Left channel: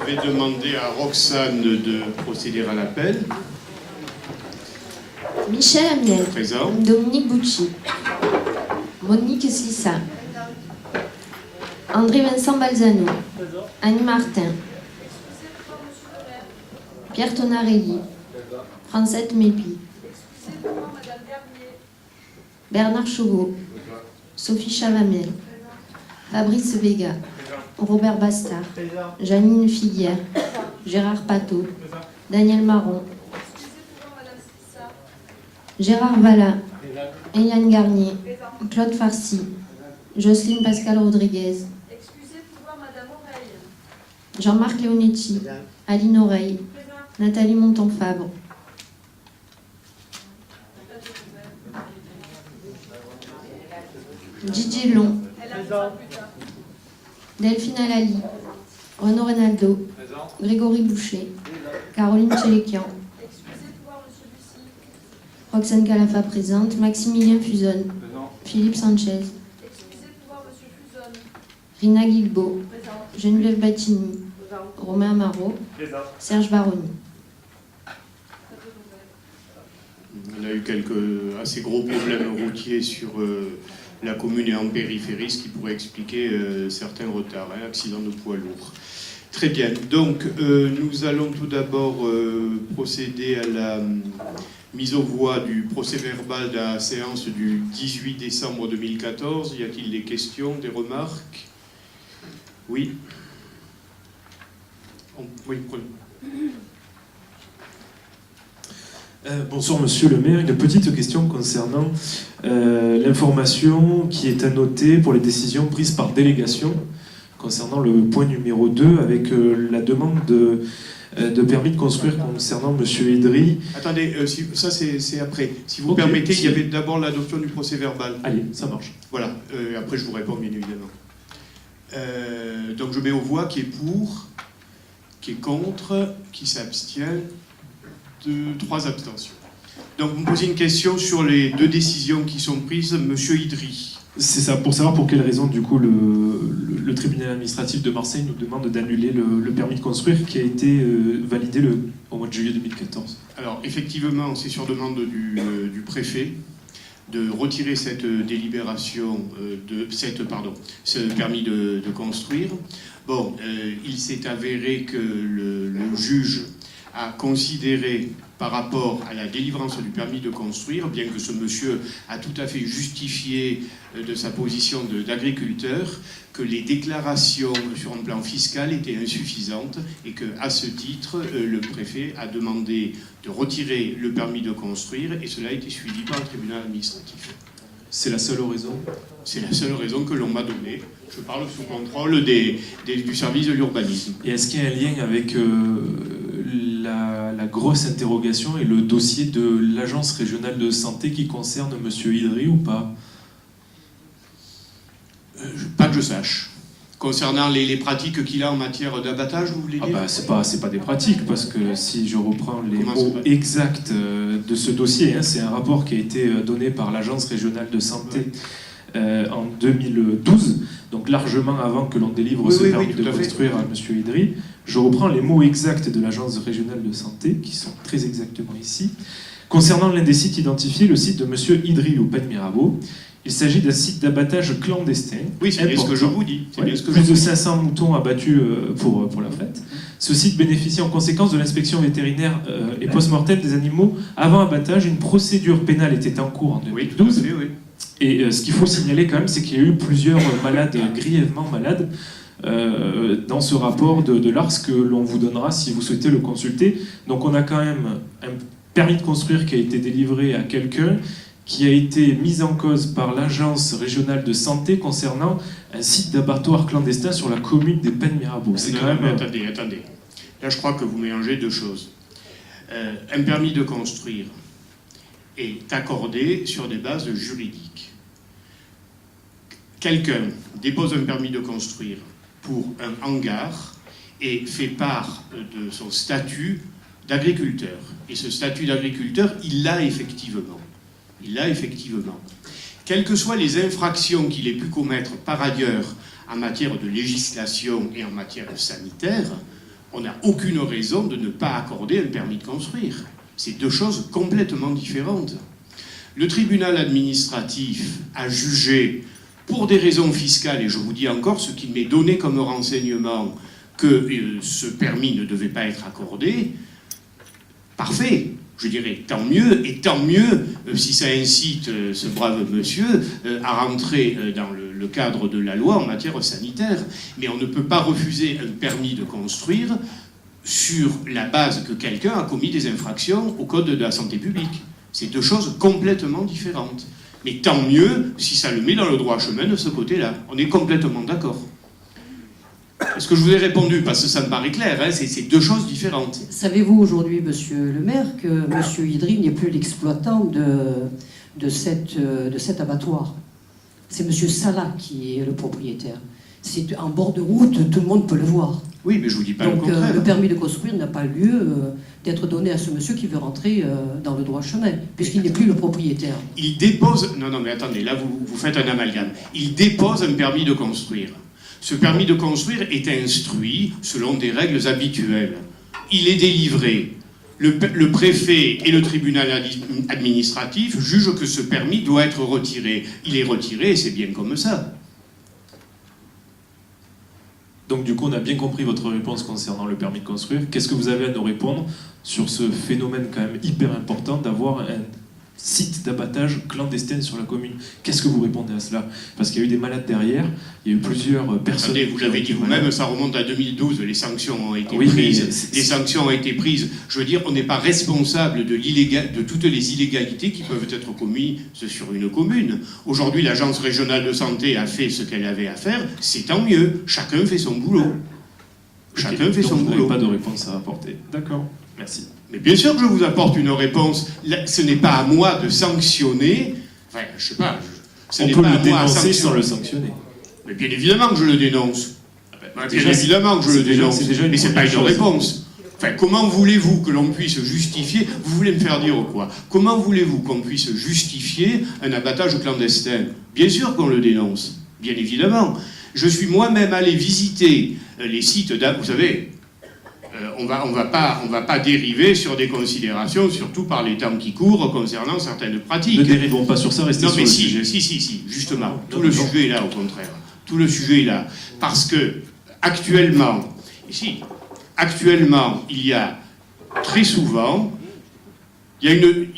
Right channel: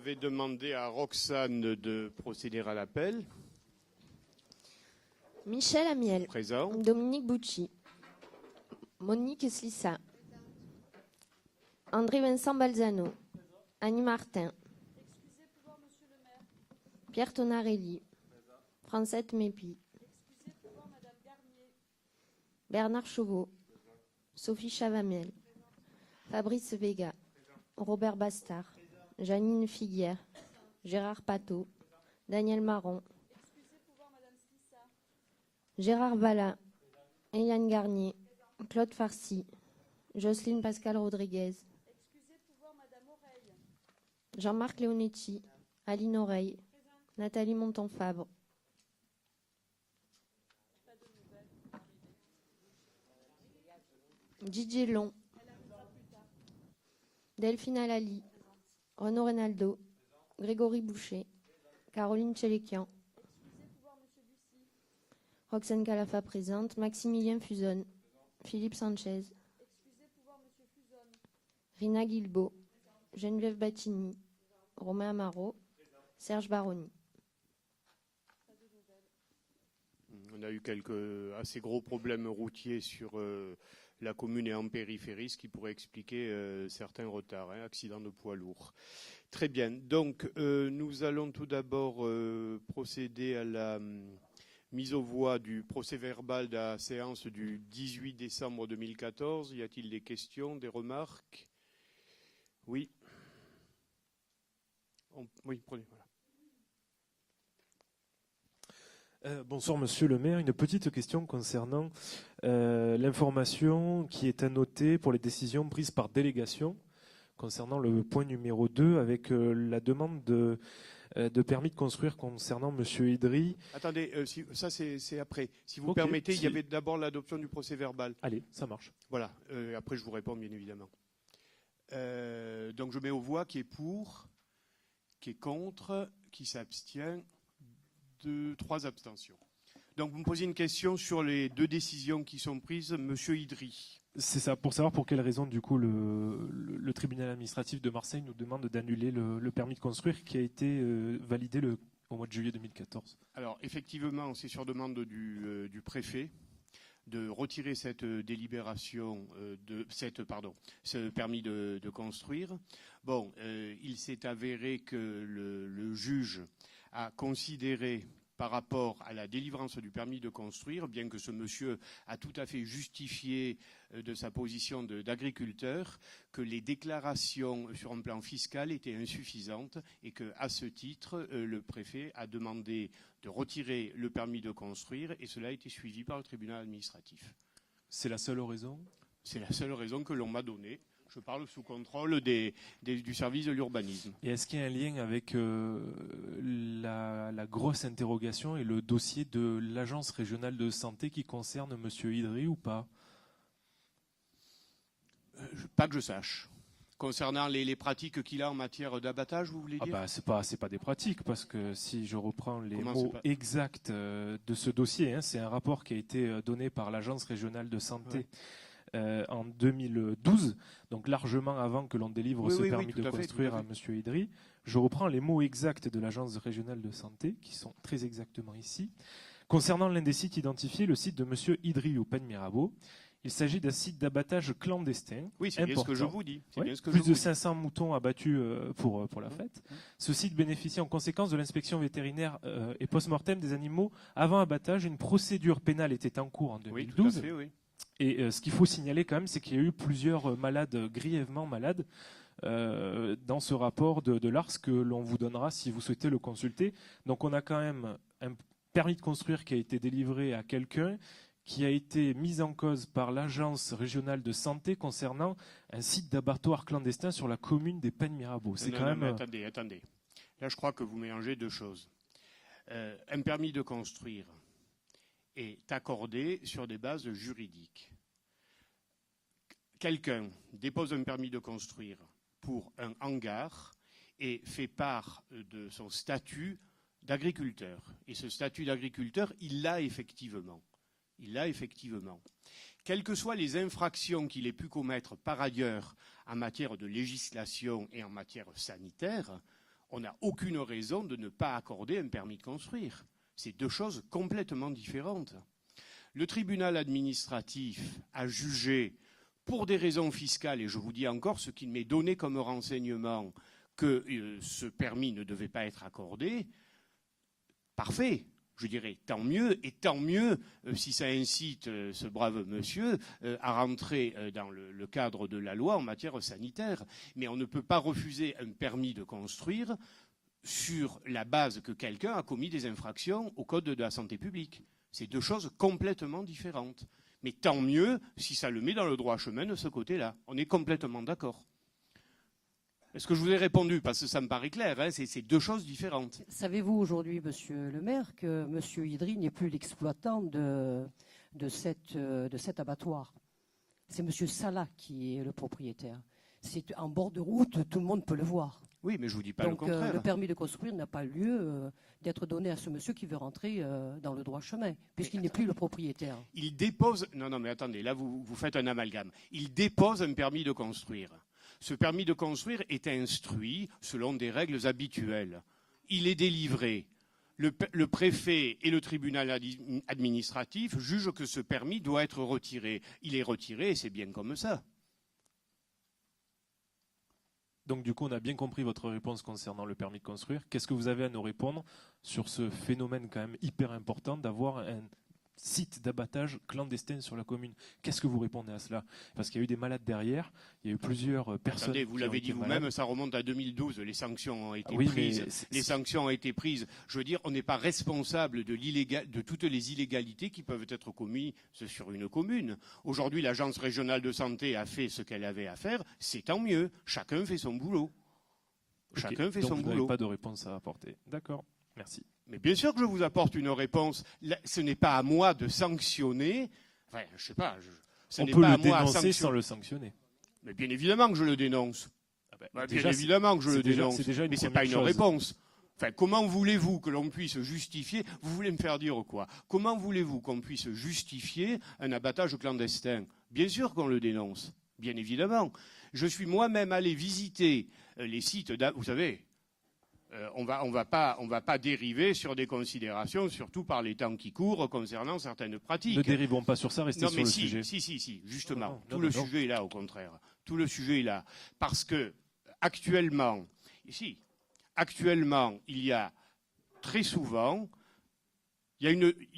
Je vais demander à Roxane de procéder à l'appel. Michel Amiel. Présent. Dominique Bucci. Monique Slissa. André Vincent Balzano. Annie Martin. Pierre Tonarelli. Francette Mépi. Bernard Chauveau. Sophie Chalamel. Fabrice Vega. Robert Bastard. Janine Figuière. Gérard Pateau. Daniel Marron. Gérard Valla. Eliane Garnier. Claude Farcy. Jocelyne Pascal Rodriguez. Jean-Marc Leonetti. Aline Oreille. Nathalie Monton-Fabre. Didier Long. Delphine Alali. Renaud Renaldo. Grégory Boucher. Caroline Tchélékian. Roxane Calafa présente. Maximilien Fuzon. Philippe Sanchez. Rina Guilbeault. Geneviève Battini. Romain Amaro. Serge Baroni. On a eu quelques assez gros problèmes routiers sur la commune et en périphérie, ce qui pourrait expliquer certains retards, accidents de poids lourds. Très bien, donc nous allons tout d'abord procéder à la mise aux voix du procès-verbal de la séance du 18 décembre 2014. Y a-t-il des questions, des remarques? Oui. Oui, prenez. Bonsoir Monsieur le maire, une petite question concernant l'information qui est annotée pour les décisions prises par délégation concernant le point numéro 2 avec la demande de permis de construire concernant Monsieur Idri. Attendez, ça c'est après. Si vous permettez, il y avait d'abord l'adoption du procès-verbal. Allez, ça marche. Voilà, après je vous réponds bien évidemment. Donc je mets aux voix qui est pour, qui est contre, qui s'abstient. 3 abstentions. Donc vous me posez une question sur les 2 décisions qui sont prises, Monsieur Idri. C'est ça, pour savoir pour quelle raison du coup le tribunal administratif de Marseille nous demande d'annuler le permis de construire qui a été validé au mois de juillet 2014. Alors effectivement, c'est sur demande du préfet de retirer cette délibération, ce permis de construire. Bon, il s'est avéré que le juge a considéré par rapport à la délivrance du permis de construire, bien que ce monsieur a tout à fait justifié de sa position d'agriculteur, que les déclarations sur un plan fiscal étaient insuffisantes et qu'à ce titre, le préfet a demandé de retirer le permis de construire et cela a été suivi par le tribunal administratif. C'est la seule raison? C'est la seule raison que l'on m'a donnée. Je parle sous contrôle du service de l'urbanisme. Et est-ce qu'il y a un lien avec la grosse interrogation et le dossier de l'agence régionale de santé qui concerne M. Idri ou pas? Pas que je sache. Concernant les pratiques qu'il a en matière d'abattage, vous voulez dire? C'est pas des pratiques, parce que si je reprends les mots exacts de ce dossier, c'est un rapport qui a été donné par l'agence régionale de santé en 2012, donc largement avant que l'on délivre ce permis de construire à M. Idri. Je reprends les mots exacts de l'agence régionale de santé, qui sont très exactement ici. Concernant l'un des sites identifiés, le site de M. Idri au Pen Mirabeau, il s'agit d'un site d'abattage clandestin. Oui, c'est bien ce que je vous dis. Plus de 500 moutons abattus pour la fête. Ce site bénéficie en conséquence de l'inspection vétérinaire et post-mortem des animaux avant abattage. Une procédure pénale était en cours en 2012. Oui, tout à fait, oui. Et ce qu'il faut signaler quand même, c'est qu'il y a eu plusieurs malades, grièvement malades, dans ce rapport de l'ARS que l'on vous donnera si vous souhaitez le consulter. Donc on a quand même un permis de construire qui a été délivré à quelqu'un, qui a été mis en cause par l'agence régionale de santé concernant un site d'abattoir clandestin sur la commune des Pen Mirabeau. C'est quand même... Attendez. Là, je crois que vous mélangez 2 choses. Un permis de construire est accordé sur des bases juridiques. Quelqu'un dépose un permis de construire pour un hangar et fait part de son statut d'agriculteur. Et ce statut d'agriculteur, il l'a effectivement. Quelles que soient les infractions qu'il ait pu commettre par ailleurs en matière de législation et en matière sanitaire, on n'a aucune raison de ne pas accorder un permis de construire. C'est deux choses complètement différentes. Le tribunal administratif a jugé, pour des raisons fiscales, et je vous dis encore ce qui m'est donné comme renseignement, que ce permis ne devait pas être accordé. Parfait, je dirais tant mieux, et tant mieux si ça incite ce brave monsieur à rentrer dans le cadre de la loi en matière sanitaire. Mais on ne peut pas refuser un permis de construire sur la base que quelqu'un a commis des infractions au Code de la santé publique. C'est deux choses complètement différentes. Mais tant mieux si ça le met dans le droit chemin de ce côté-là. On est complètement d'accord. Est-ce que je vous ai répondu? Parce que ça me paraît clair, hein, c'est deux choses différentes. Savez-vous aujourd'hui, monsieur le maire, que monsieur Idry n'est plus l'exploitant de cet abattoir? C'est monsieur Salah qui est le propriétaire. C'est en bord de route, tout le monde peut le voir. Oui, mais je vous dis pas le Donc contraire. le permis de construire n'a pas lieu d'être donné à ce monsieur qui veut rentrer dans le droit chemin, puisqu'il n'est plus le propriétaire. Il dépose... Non, mais attendez, là vous faites un amalgame. Il dépose un permis de construire. Ce permis de construire est instruit selon des règles habituelles. Il est délivré. Le préfet et le tribunal administratif jugent que ce permis doit être retiré. Il est retiré et c'est bien comme ça. Donc du coup, on a bien compris votre réponse concernant le permis de construire. Qu'est-ce que vous avez à nous répondre sur ce phénomène quand même hyper important d'avoir un site d'abattage clandestin sur la commune? Qu'est-ce que vous répondez à cela? Parce qu'il y a eu des malades derrière, il y a eu plusieurs personnes... Attendez, vous l'avez dit vous-même, ça remonte à 2012, les sanctions ont été Oui, prises. Les sanctions ont été prises. Je veux dire, on n'est pas responsable de toutes les illégalités qui peuvent être commises sur une commune. Aujourd'hui, l'agence régionale de santé a fait ce qu'elle avait à faire, c'est tant mieux. Chacun fait son boulot. Chacun fait son boulot. Vous n'avez pas de réponse à apporter. D'accord, merci. Mais bien sûr que je vous apporte une réponse. Ce n'est pas à moi de sanctionner. Enfin, je sais pas. On peut le dénoncer sans le sanctionner. Mais bien évidemment que je le dénonce. Bien évidemment que je le dénonce. Mais c'est pas une réponse. Enfin, comment voulez-vous que l'on puisse justifier... Vous voulez me faire dire quoi? Comment voulez-vous qu'on puisse justifier un abattage clandestin? Bien sûr qu'on le dénonce. Bien évidemment. Je suis moi-même allé visiter les sites vous savez... on va pas dériver sur des considérations, surtout par les temps qui courent, concernant certaines pratiques. Ne dérivons pas sur ça, restez sur le sujet. Si, justement. Tout le sujet est là, au contraire. Tout le sujet est là. Parce que, actuellement, il y a très souvent, il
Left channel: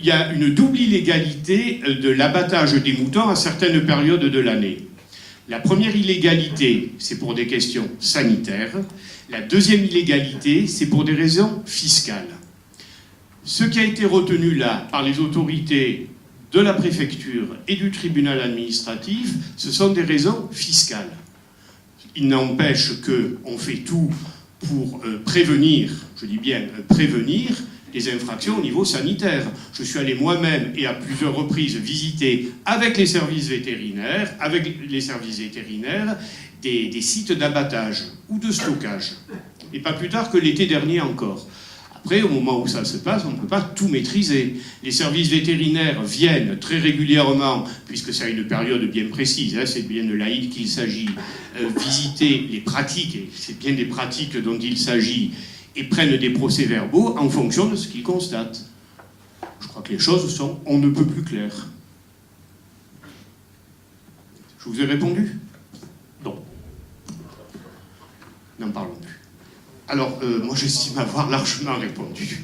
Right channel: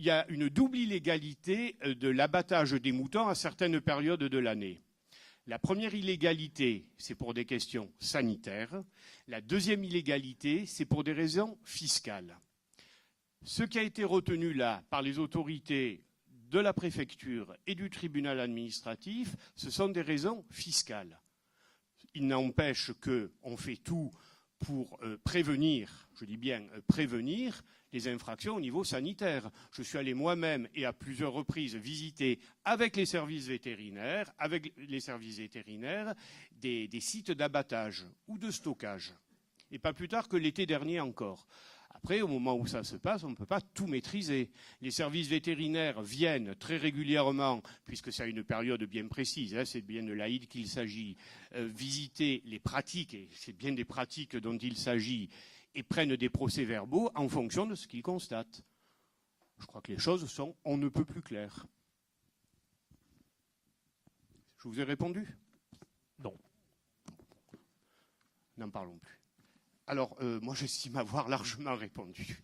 y a une double illégalité de l'abattage des moutons à certaines périodes de l'année. La première illégalité, c'est pour des questions sanitaires. La deuxième illégalité, c'est pour des raisons fiscales. Ce qui a été retenu là par les autorités de la préfecture et du tribunal administratif, ce sont des raisons fiscales. Il n'empêche qu'on fait tout pour prévenir, je dis bien prévenir, les infractions au niveau sanitaire. Je suis allé moi-même et à plusieurs reprises visiter avec les services vétérinaires, des sites d'abattage ou de stockage. Et pas plus tard que l'été dernier encore. Après, au moment où ça se passe, on ne peut pas tout maîtriser. Les services vétérinaires viennent très régulièrement, puisque c'est à une période bien précise, hein, c'est bien de l'Aïd qu'il s'agit, visiter les pratiques, et c'est bien des pratiques dont il s'agit, et prennent des procès-verbaux en fonction de ce qu'ils constatent. Je crois que les choses sont on ne peut plus claires. Je vous ai répondu? Non. N'en parlons plus. Alors, moi j'estime avoir largement répondu.